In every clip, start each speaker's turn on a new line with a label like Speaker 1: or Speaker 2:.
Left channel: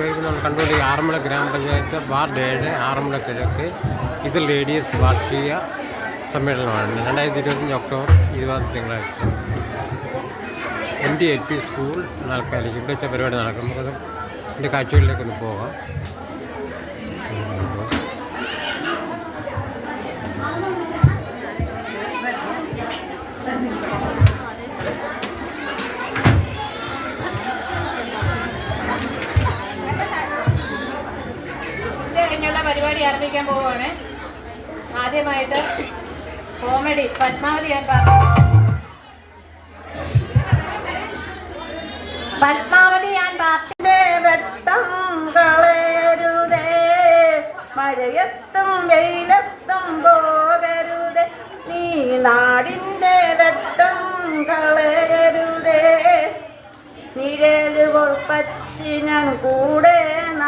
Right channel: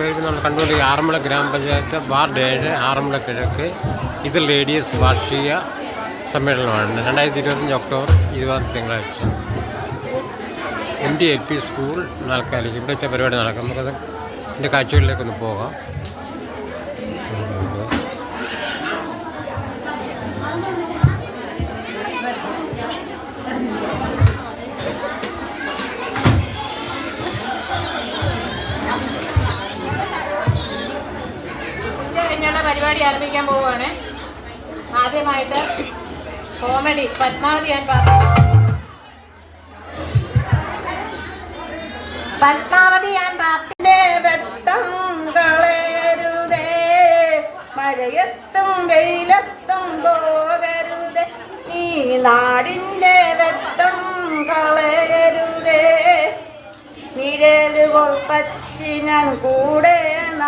Speaker 1: കൂട്ടുകാർ നമ്മൾ കണ്ടുകൊണ്ട് ഈ ആറന്മുള ഗ്രാമപഞ്ചായത്ത് വാർഡ് ഏഴ് ആറന്മുള കിഴക്ക്. ഇത് ലേഡീസ് വാർഷിക സമ്മേളനമാണ്. രണ്ടായിരത്തി ഇരുപത്തഞ്ച് ഒക്ടോബർ ഇരുപതാം തിങ്കളാഴ്ച. M D L P school നാൽക്കാലിക്ക് ഇവിടെ വെച്ച പരിപാടി നടക്കും. നമുക്കത് എന്റെ കാഴ്ചകളിലേക്കൊന്ന് പോകാം.
Speaker 2: പരിപാടി പോവുകയാണ്. ആദ്യമായിട്ട് കോമഡി പത്മാവതി ഞാൻ പറഞ്ഞു. പത്മാവതി ഞാൻ പാത്തിന്റെ വെട്ടം കളയരുതേ. മഴയത്തും വെയിലത്തും പോകരുതേ. നീ നാടിന്റെ വെട്ടം കളയരുതേ. നിഴലുകൾ പറ്റി ഞാൻ കൂടെ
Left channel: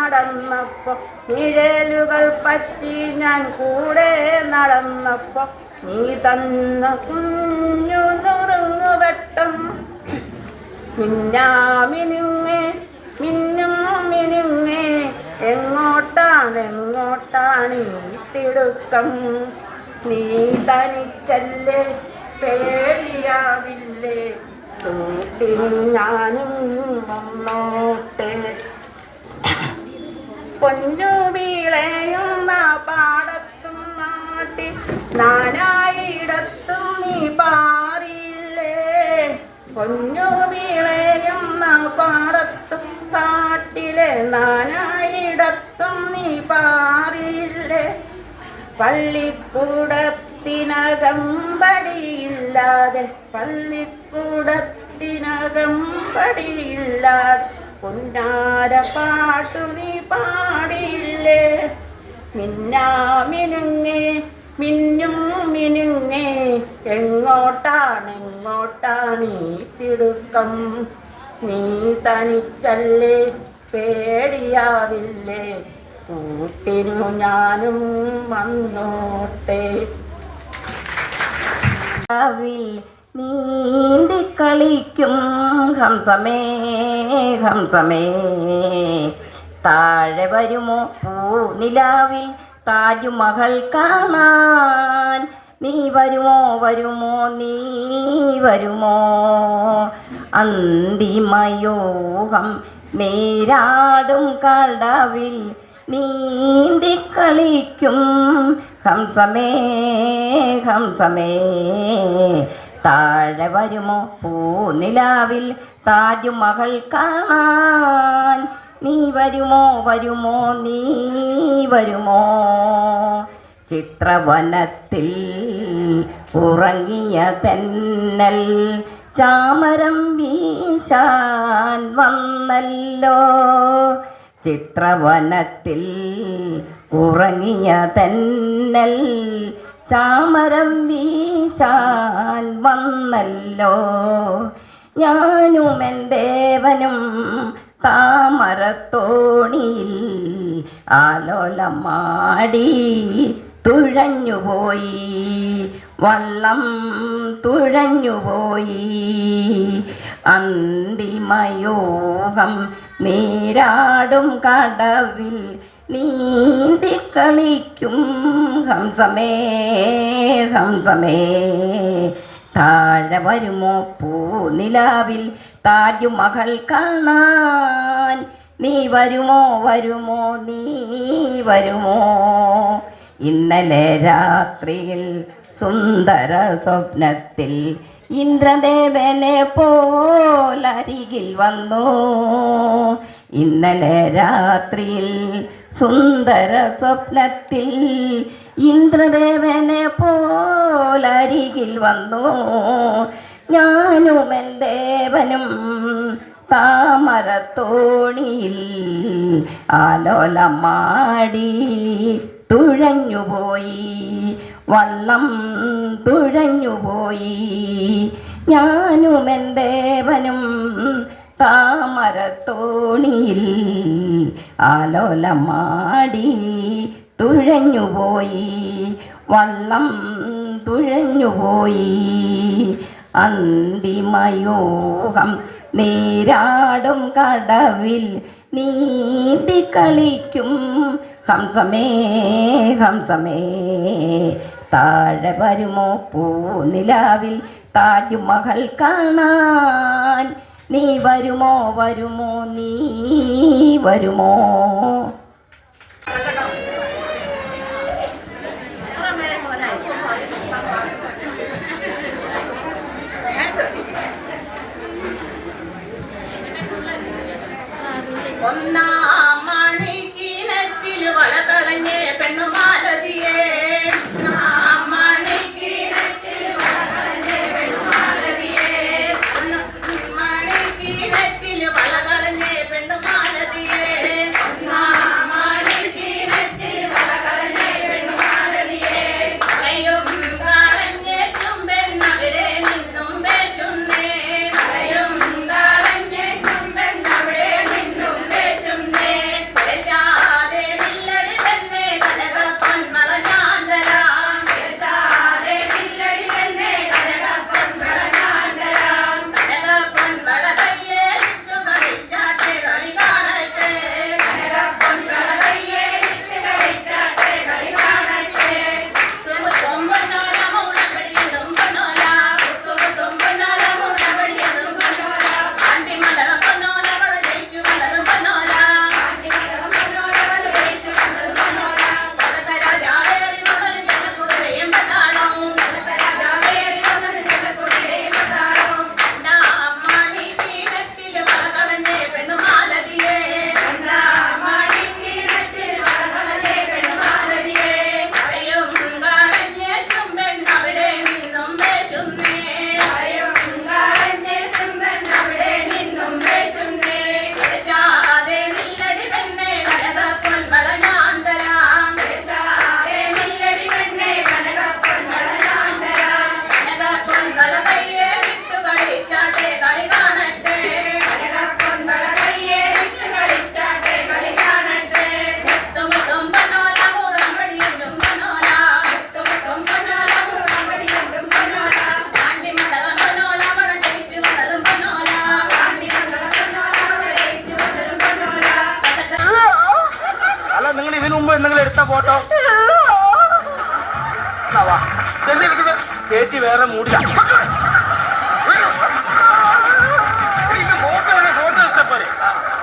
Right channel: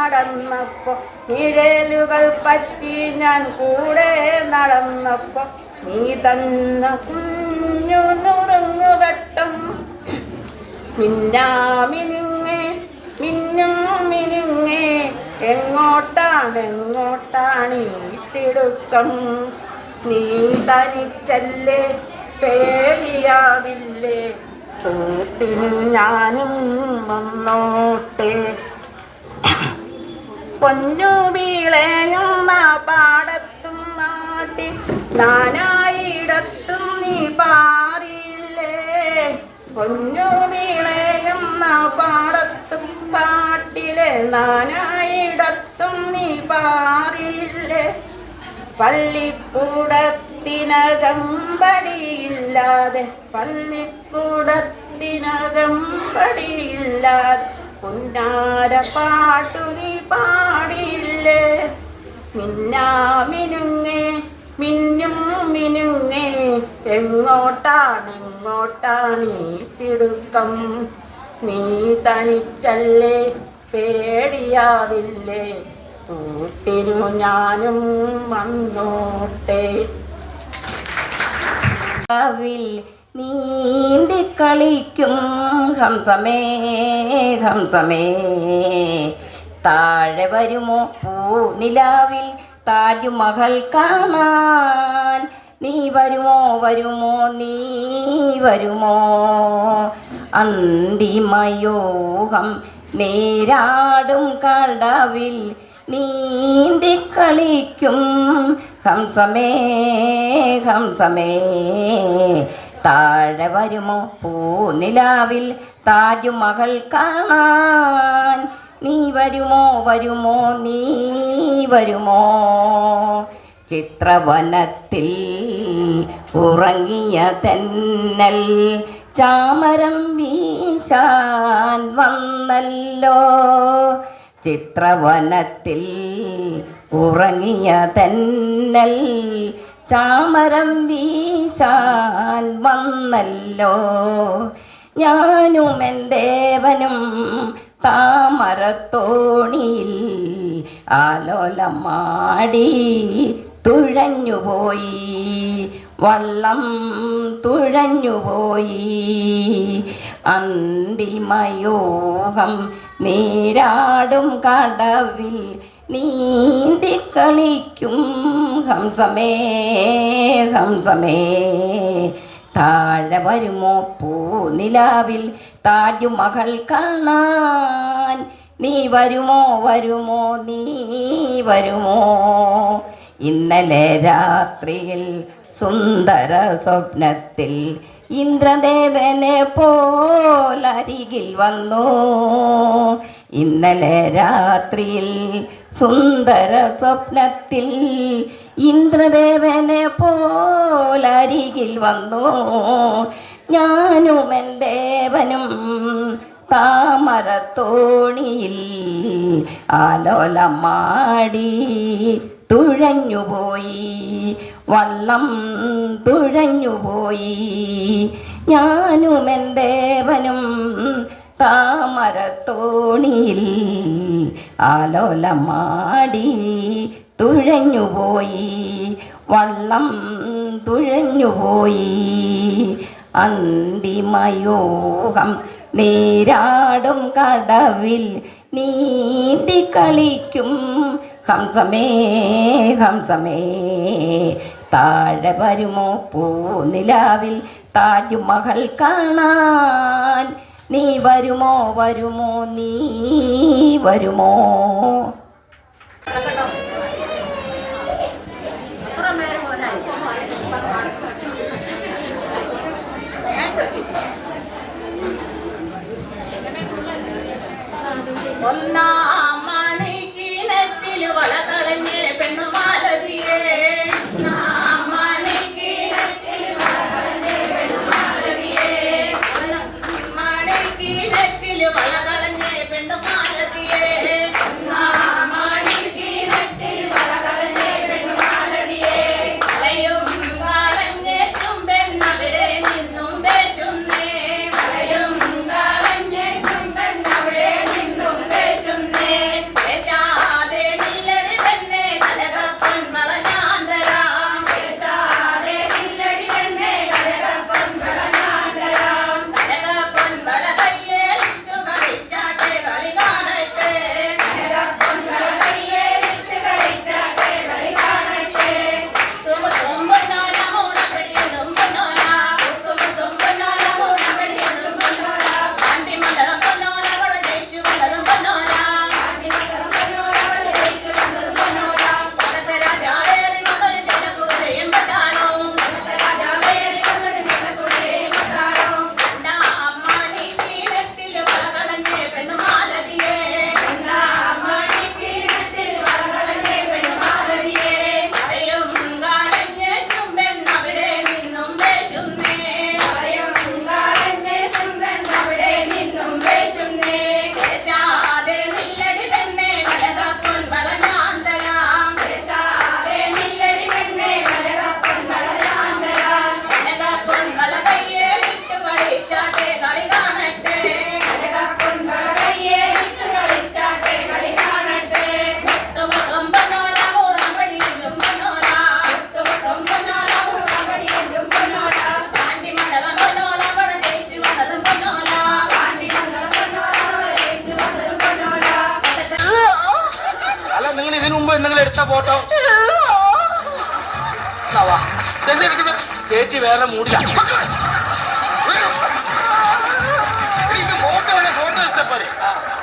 Speaker 2: നടന്നപ്പോ നിഴലുകൾ പറ്റി ഞാൻ കൂടെ നടന്നപ്പോ നീ തന്ന കുഞ്ഞു നുറുങ്ങുവട്ടം മിന്നാമിനുങ്ങേ മിന്നും മിനുങ്ങേ എങ്ങോട്ടാണ് എങ്ങോട്ടാണ് ഈ തിടുക്കം? നീ തനിച്ചല്ലേ പേടിയാവില്ലേ? ഞാനും വന്നോട്ടെ. പൊന്നു വീളയുന്ന പാടത്തും നാട്ടി നാനായിടത്തും നീ പാറില്ലേ? പൊന്നു വീളയുന്ന പാടത്തും പാട്ടിലെ നാനായിടത്തും നീ പാറില്ലേ? പള്ളിക്കൂടത്തിനകമ്പടിയില്ലാതെ പള്ളിക്കൂടത്തിനകമ്പടിയില്ലാതെ പള്ളിക്കൂടത്തിനകം പടിയില്ലാതെ പൊന്നാര പാട്ടു നീ മിന്നാ മിനുങ്ങേ മിന്നും മിനുങ്ങേ എങ്ങോട്ടാണെങ്ങോട്ടാ നീ തിടുക്കം? നീ തനിച്ചല്ലേ പേടിയാവില്ലേ? കൂട്ടിനു ഞാനും വന്നോട്ടെ.
Speaker 3: നീന്തി കളിക്കും ഹംസമേ ഹംസമേ. താഴെ വരുമോ പൂ നിലാവിൽ താജുമഹൽ കാണാൻ? നീ വരുമോ വരുമോ നീ വരുമോ? അന്തിമയോഹം നേരാടും കടവിൽ നീന്തി കളിക്കും ഹംസമേ ഹംസമേ. താഴെ വരുമോ? പൂനിലാവിൽ താജുമകൾ കാണാൻ. നീ വരുമോ? വരുമോ? നീ വരുമോ? ചിത്രവനത്തിൽ ഉറങ്ങിയ തെന്നൽ ചാമരം വീശാൻ വന്നല്ലോ. ചിത്രവനത്തിൽ ഉറങ്ങിയ തെന്നൽ ചാമരം വീശാൻ വന്നല്ലോ. ഞാനും എന്തേവനും താമരത്തോണിയിൽ ആലോലമാടി തുഴഞ്ഞുപോയി. വള്ളം തുഴഞ്ഞുപോയി. അന്തിമയോഗം നീരാടും കടവിൽ നീന്തി കളിക്കും ഹംസമേ ഹംസമേ. താഴെ വരുമോ പൂനിലാവിൽ? താജുമഹൽ കാണാൻ നീ വരുമോ വരുമോ? നീ വരുമോ? ഇന്നലെ രാത്രിയിൽ സുന്ദര സ്വപ്നത്തിൽ ഇന്ദ്രദേവനെ പോലരികിൽ വന്നു. ഇന്നലെ രാത്രിയിൽ സുന്ദര സ്വപ്നത്തിൽ ഇന്ദ്രദേവനെ പോലരികിൽ വന്നു. ഞാനും എന്റെ ദേവനും താമരത്തോണിയിൽ ആലോലമാടി തുഴഞ്ഞുപോയി. വള്ളം തുഴഞ്ഞുപോയി. ഞാനും എന്റെ ദേവനും താമരത്തോണിയിൽ ആലോലമാടി തുഴഞ്ഞുപോയി വള്ളം തുഴഞ്ഞുപോയി അന്തിമയൂഹം നീരാടും കടവിൽ നീന്തി കളിക്കും. ഹംസമേ ഹംസമേ താഴെ വരുമോ പൂനിലാവിൽ? താജ്മഹൽ കാണാൻ നീ വരുമോ വരുമോ നീ വരുമോ?
Speaker 4: Ventilio para കേട്ടോ. എന്തെടുക്കുന്നത് ചേച്ചി വേറെ മൂടില്ല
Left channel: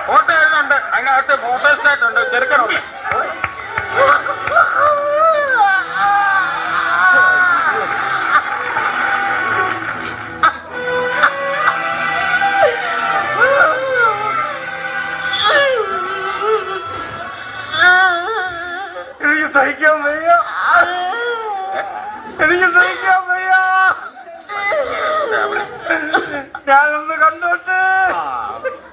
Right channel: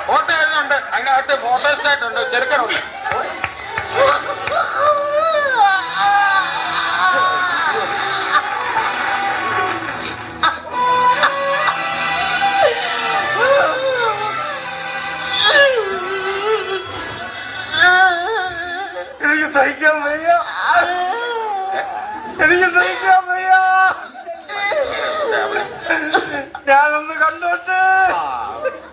Speaker 4: ഫോട്ടോ ഉണ്ട് അതിനകത്ത് ഫോട്ടോ സ്റ്റാറ്റ് ഉണ്ട്. ചെറുക്കണമല്ലേ സഹിക്കാൻ വയ്യ. എനിക്ക് സഹിക്കാൻ വയ്യ. ഞാനൊന്ന് കണ്ടോട്ടെ.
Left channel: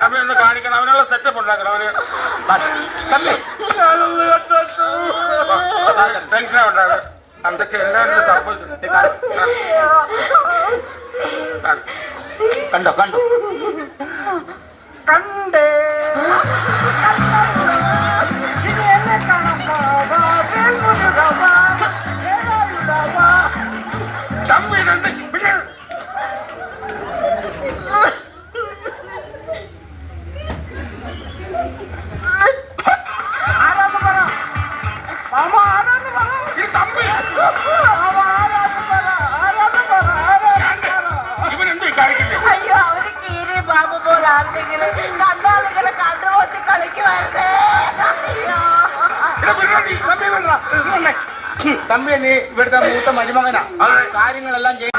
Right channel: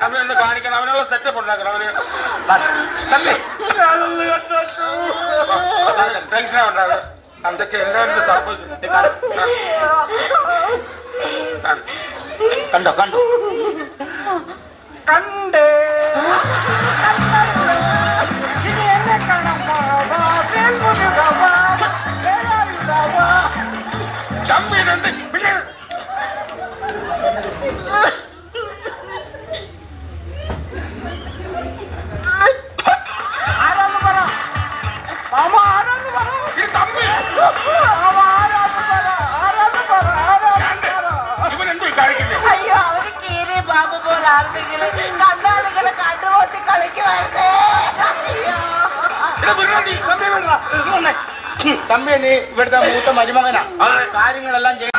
Speaker 4: അവനൊന്ന് കാണിക്കണം. അവനുള്ള സെറ്റപ്പ് ഉണ്ടാക്കണം. അവന് ഞാനൊന്ന് കണ്ടോട്ടു. ടെൻഷൻ ഉണ്ടാകും അതൊക്കെ എല്ലാവരും സംഭവിച്ചു കണ്ടോ? കണ്ടോ? കണ്ടേ. 准备开始 തമ്പി നീ ഇവിടുത്തെ മൂത്ത മരുമകനാ. കാര്യങ്ങളെല്ലാം ചെയ്യും